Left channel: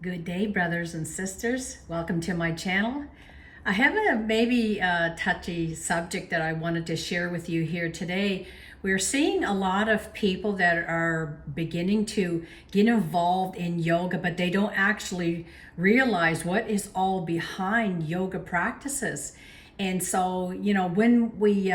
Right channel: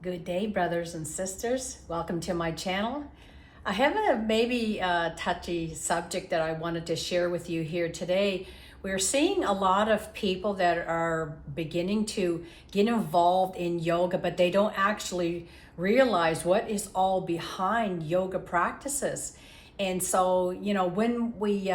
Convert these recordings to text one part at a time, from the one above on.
Good day, brothers and sisters. Welcome to my channel. I have a maybe touchy subject that I wanted to share with you here today. We're seeing a lot of people that are beginning to get involved in yoga, but they don't actually realize what is all behind yoga practices. And so, when we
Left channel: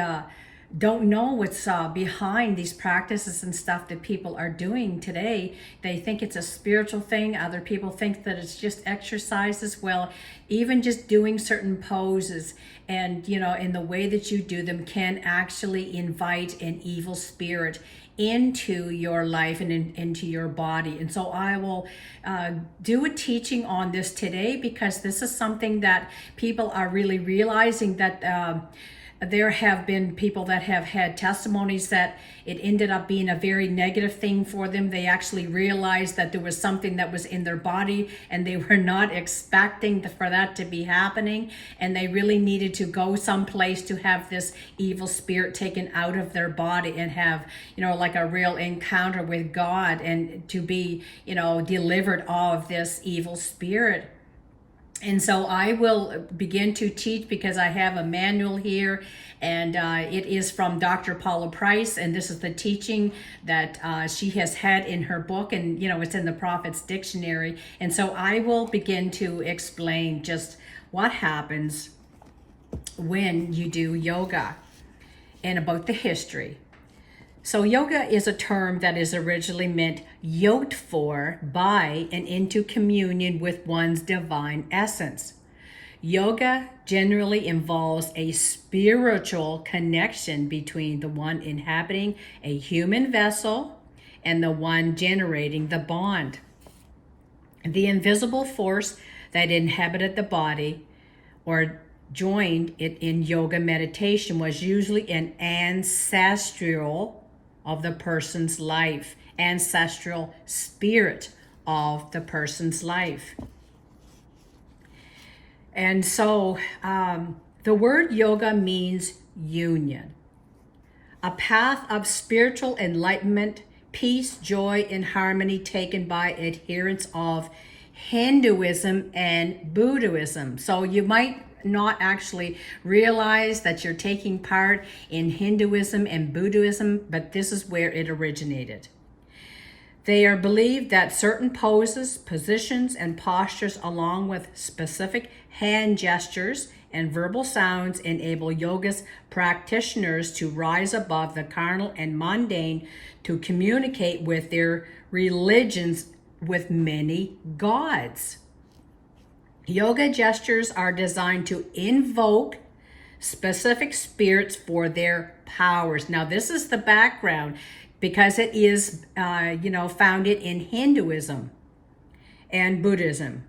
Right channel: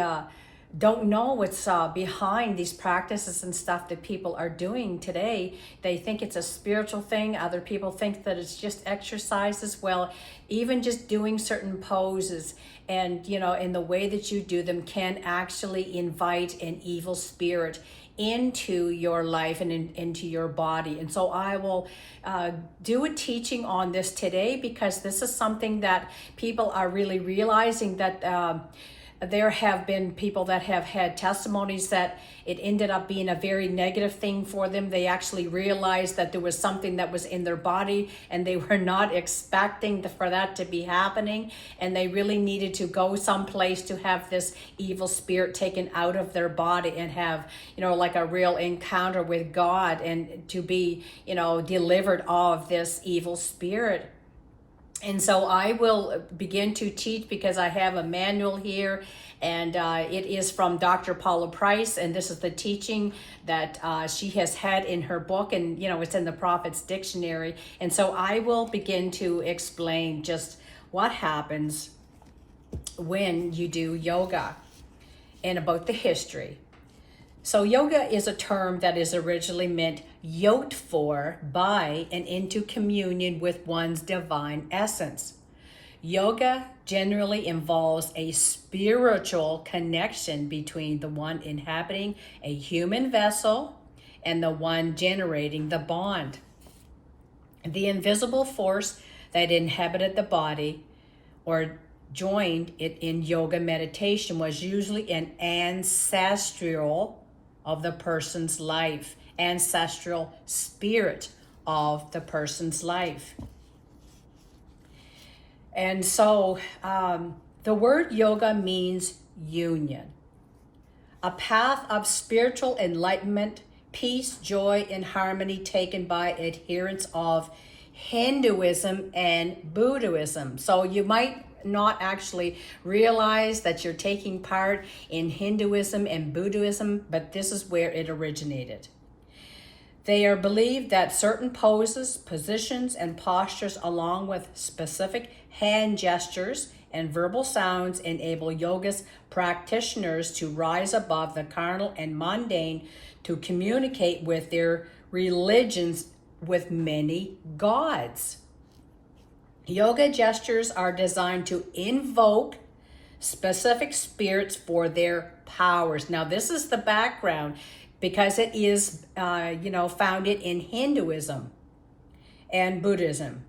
don't know what's behind these practices and stuff that people are doing today. They think it's a spiritual thing. Other people think that it's just exercises. Well, even just doing certain poses and, in the way that you do them can actually invite an evil spirit into your life and into your body. And so I will do a teaching on this today because this is something that people are really realizing that there have been people that have had testimonies that it ended up being a very negative thing for them. They actually realized that there was something that was in their body and they were not expecting for that to be happening, and they really needed to go someplace to have this evil spirit taken out of their body and have, like a real encounter with God and to be, delivered of this evil spirit. And so I will begin to teach because I have a manual here, and it is from Dr. Paula Price, and this is the teaching that she has had in her book, and it's in the Prophet's Dictionary. And so I will begin to explain just what happens when you do yoga and about the history. So yoga is a term that is originally meant yoked for, by, and into communion with one's divine essence. Yoga generally involves a spiritual connection between the one inhabiting a human vessel and the one generating the bond. The invisible force that inhabited the body or joined it in yoga meditation was usually an ancestral of the person's life, ancestral spirit of the person's life. And so the word yoga means union, a path of spiritual enlightenment, peace, joy, and harmony taken by adherents of Hinduism and Buddhism. So you might not actually realize that you're taking part in Hinduism and Buddhism, but this is where it originated. They are believed that certain poses, positions, and postures, along with specific hand gestures and verbal sounds, enable yoga's practitioners to rise above the carnal and mundane to communicate with their religions with many gods. Yoga gestures are designed to invoke specific spirits for their powers. Now, this is the background because it is, founded in Hinduism and Buddhism.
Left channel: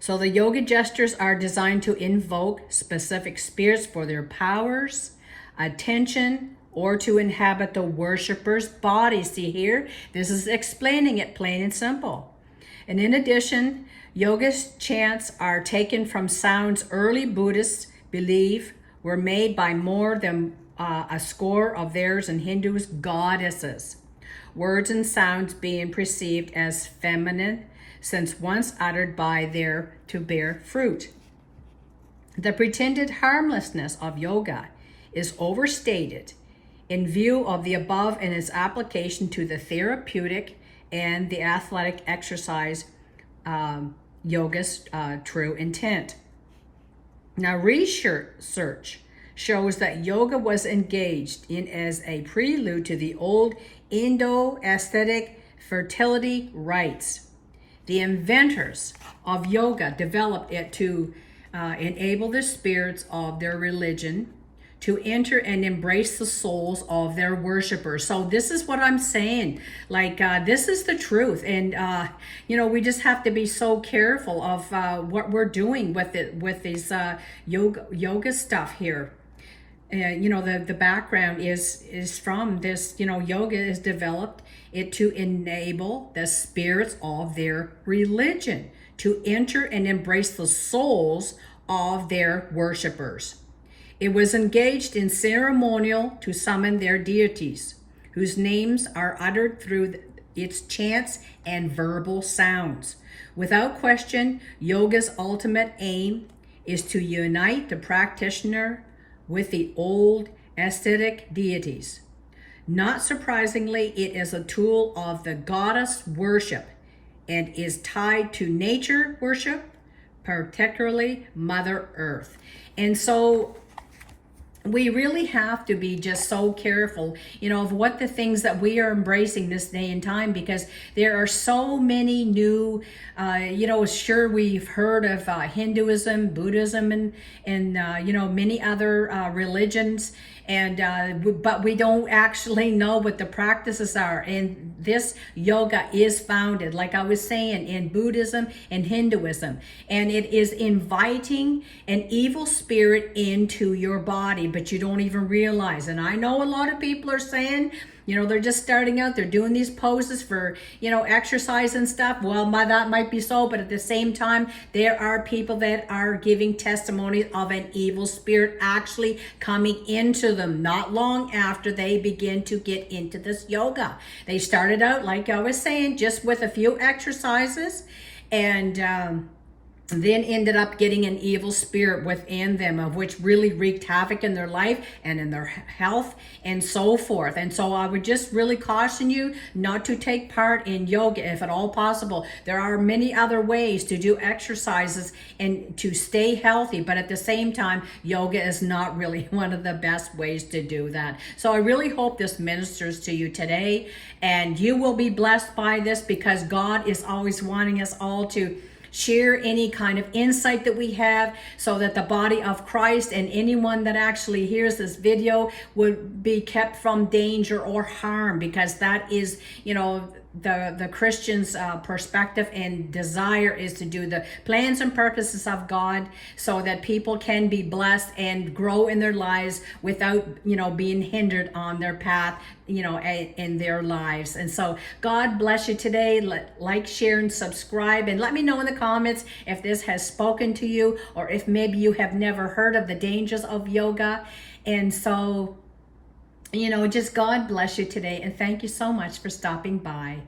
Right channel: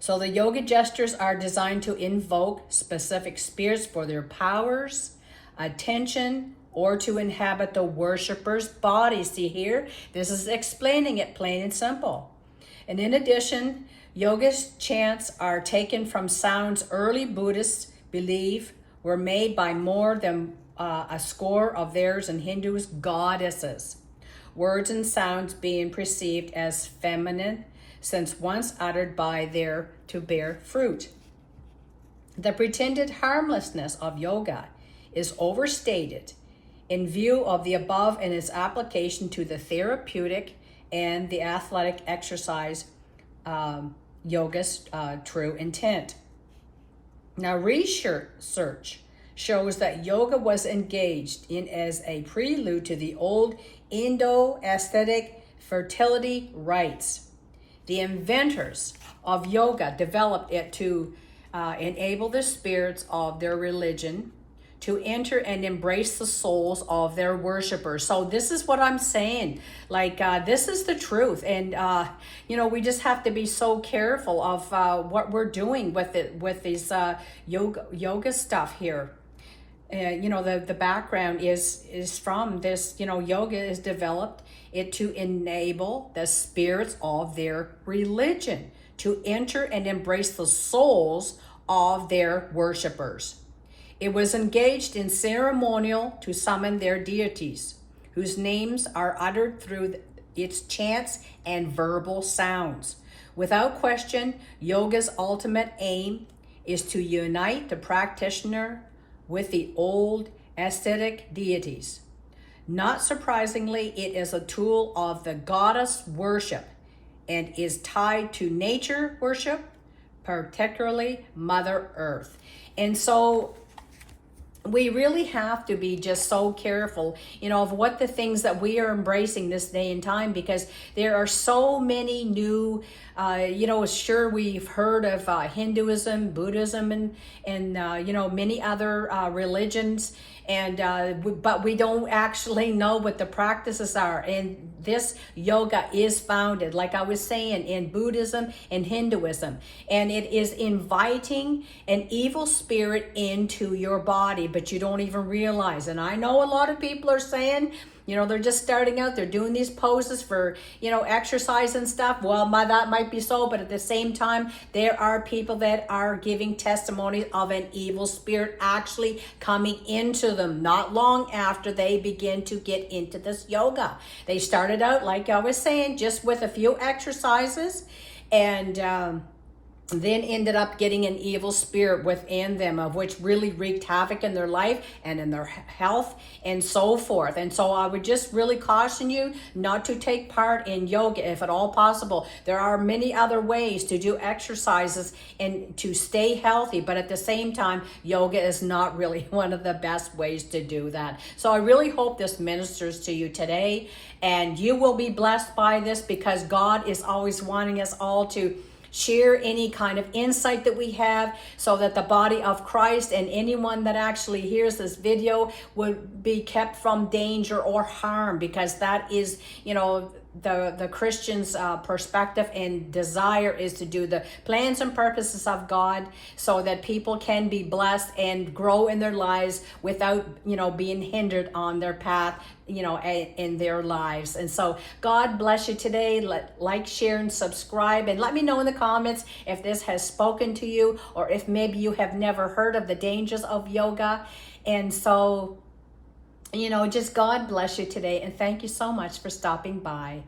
So the yoga gestures are designed to invoke specific spirits for their powers, attention, or to inhabit the worshiper's body. See here, this is explaining it plain and simple. And in addition, yoga chants are taken from sounds early Buddhists believe were made by more than a score of theirs and Hindus' goddesses. Words and sounds being perceived as feminine since once uttered by their to bear fruit. The pretended harmlessness of yoga is overstated in view of the above and its application to the therapeutic and the athletic exercise yoga's true intent. Now, research shows that yoga was engaged in as a prelude to the old Indo-aesthetic fertility rites. The inventors of yoga developed it to enable the spirits of their religion to enter and embrace the souls of their worshipers. So this is what I'm saying. This is the truth. And, we just have to be so careful of what we're doing with it, with these yoga stuff here. The background is from this, yoga is developed it to enable the spirits of their religion to enter and embrace the souls of their worshipers. It was engaged in ceremonial to summon their deities, whose names are uttered through its chants and verbal sounds. Without question, yoga's ultimate aim is to unite the practitioner with the old ascetic deities. Not surprisingly, it is a tool of the goddess worship and is tied to nature worship, particularly Mother Earth. And so we really have to be just so careful, of what the things that we are embracing this day and time, because there are so many new, sure, we've heard of Hinduism, Buddhism, and many other religions, but we don't actually know what the practices are. And this yoga is founded, like I was saying, in Buddhism and Hinduism, and it is inviting an evil spirit into your body, but you don't even realize. And I know a lot of people are saying, they're just starting out, they're doing these poses for, exercise and stuff. Well, that might be so, but at the same time, there are people that are giving testimonies of an evil spirit actually coming into them not long after they begin to get into this yoga. They started out, like I was saying, just with a few exercises, and then ended up getting an evil spirit within them, of which really wreaked havoc in their life and in their health and so forth. And so I would just really caution you not to take part in yoga if at all possible. There are many other ways to do exercises and to stay healthy, but at the same time, yoga is not really one of the best ways to do that. So I really hope this ministers to you today, and you will be blessed by this, because God is always wanting us all to share any kind of insight that we have, so that the body of Christ and anyone that actually hears this video would be kept from danger or harm, because that is, the Christian's perspective and desire is to do the plans and purposes of God, so that people can be blessed and grow in their lives without, being hindered on their path, in their lives. And so God bless you today. Like, share, and subscribe, and let me know in the comments if this has spoken to you, or if maybe you have never heard of the dangers of yoga. And so, just God bless you today, and thank you so much for stopping by.